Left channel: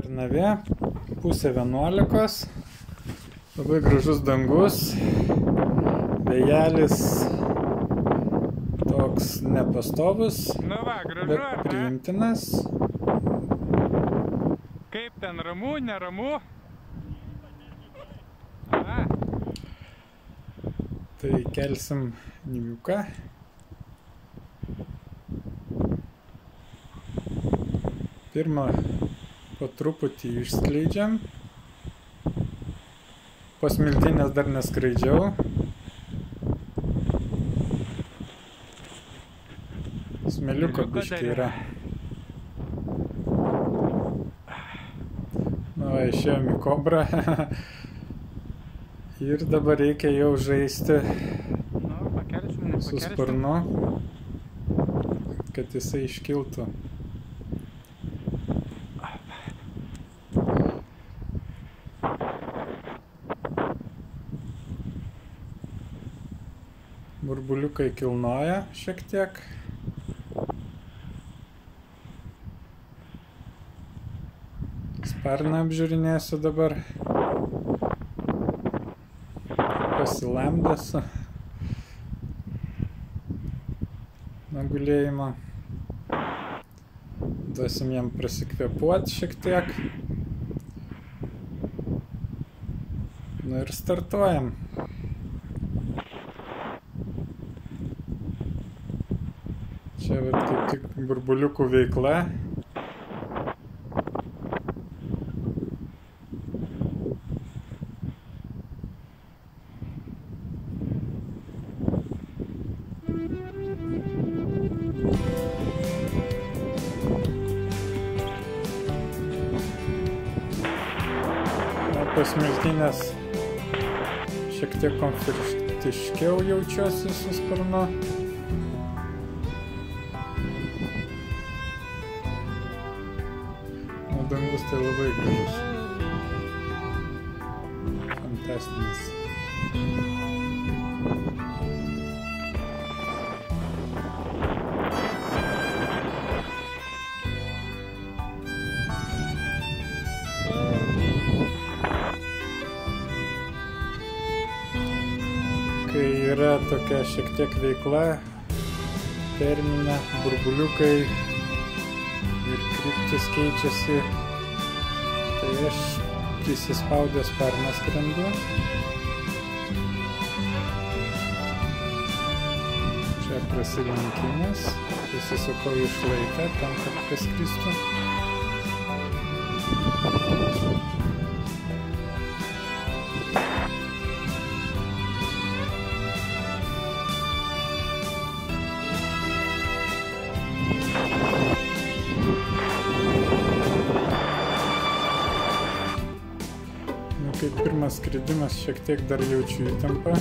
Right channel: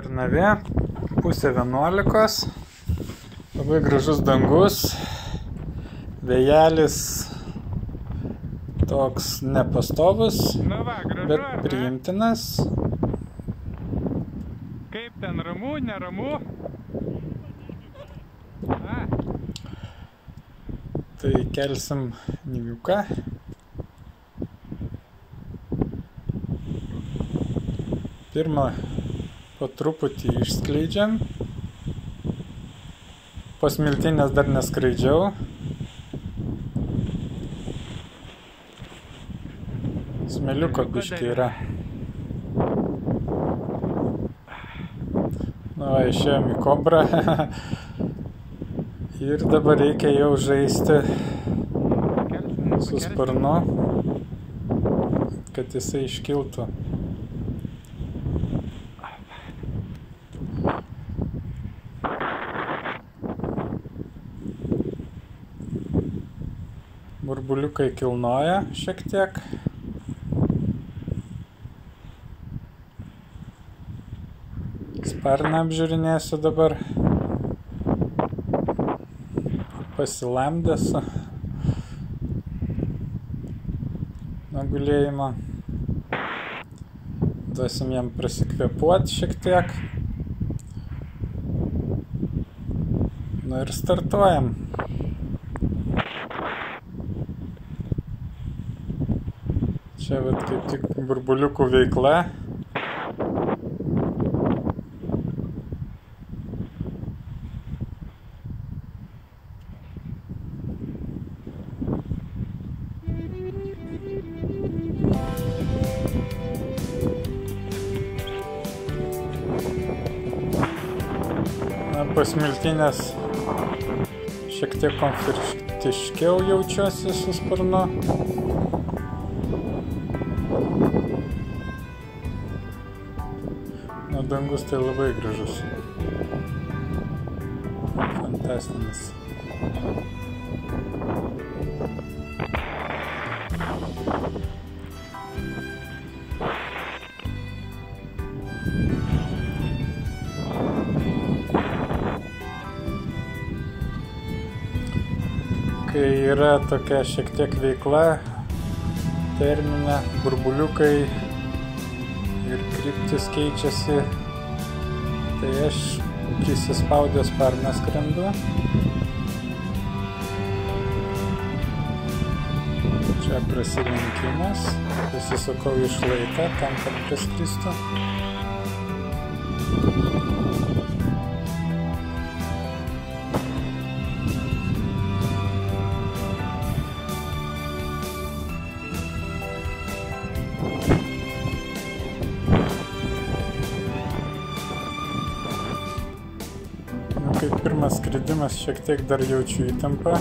Kernavė, pusė 11, labai gražus dangus, vėjelis toks nepastovus, bet priimtinas. Kaip ten, ramu, neramu? Tai kelsim Niviuką. Pirmą po truputį išskleidžiam. Po smiltynės dar neskraidžiau. Smėliuko biškį yra. Nu, išėjom į kobrą. Ir dabar reikia jau žaisti su sparnu, kad jisai iškiltų. Burbuliukai kilnoja šiek tiek. Sparną apžiūrinėsiu dabar. Pasilamdęs nuo gulėjimo. Duosim jam prasikvėpuoti šiek tiek. Nu ir startuojam. Čia vat kaip tik burbuliukų veikla. Po smiltynės šiek tiek komfortiškiau jaučiuosi su sparnu. Nu, dangus tai labai gražus. Fantastinis. Kai yra tokia šiek tiek veikla, terminė, burbuliukai ir kryptis keičiasi, tai aš prisispaudęs sparną skrendu. Čia prasilenkimas, pasisukau į šlaitą tam, kad praskristų. Kaip pirmas skridimas, šiek tiek dar jaučiu įtampą.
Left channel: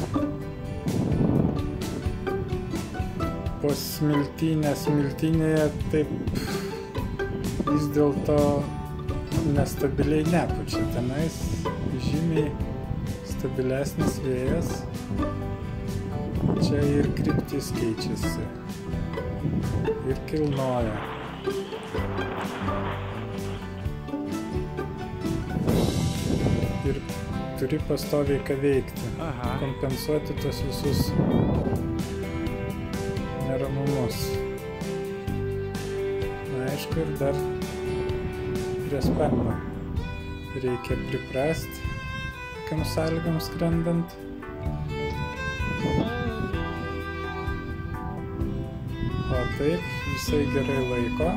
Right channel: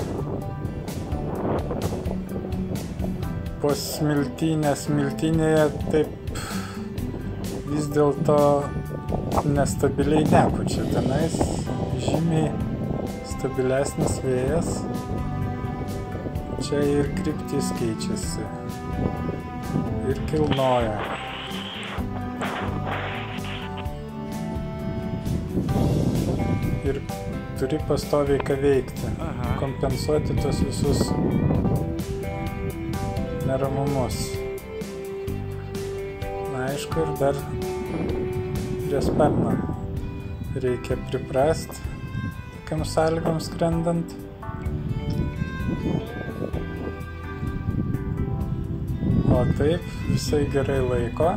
Po smiltynėje taip vis dėlto nestabiliai nepučia. Tenais žymiai stabilesnis vėjas. Čia ir kryptis keičiasi. Ir kilnoja. Ir turi pastoviai ką veikti, kompensuoti tos visus neramumus. Na, aišku, ir dar prie sparno reikia priprast tokiam sąlygom skrendant. O taip, visai gerai laiko.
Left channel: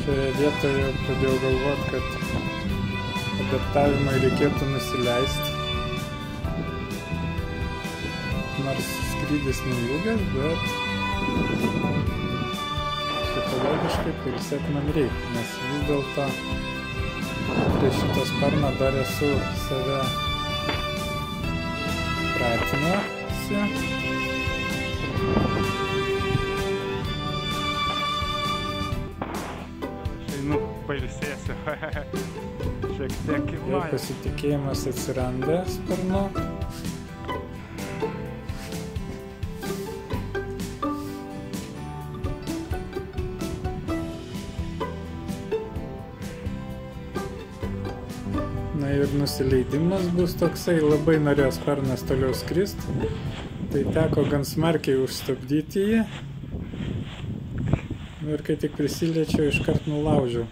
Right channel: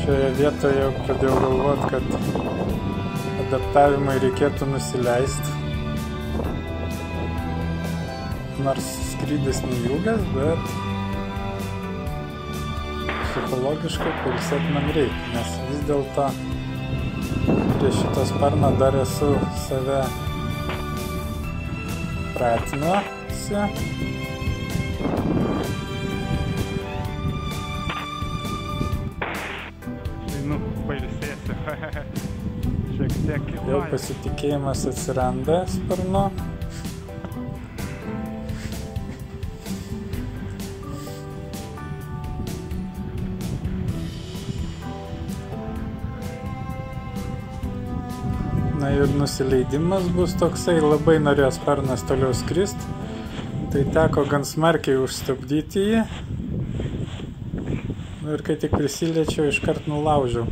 Šioje vietoje pradėjau galvoti, kad adaptavimai reikėtų nusileisti. Nors skrydis neilgas, bet psichologiškai pailsėti man reikia, nes vis dėlto prie šito sparno dar esu save pratinuosi. Einu pailsėsiu. Šiek tiek Jau kilnoju. pasitikėjimas atsiranda sparnu. Na ir nusileidimas bus toksai, labai norėjo sparnas toliau skrist, tai teko gan smarkiai užstabdyti jį. Nu ir kai tik prisiliečiau, iškart nulaužiau.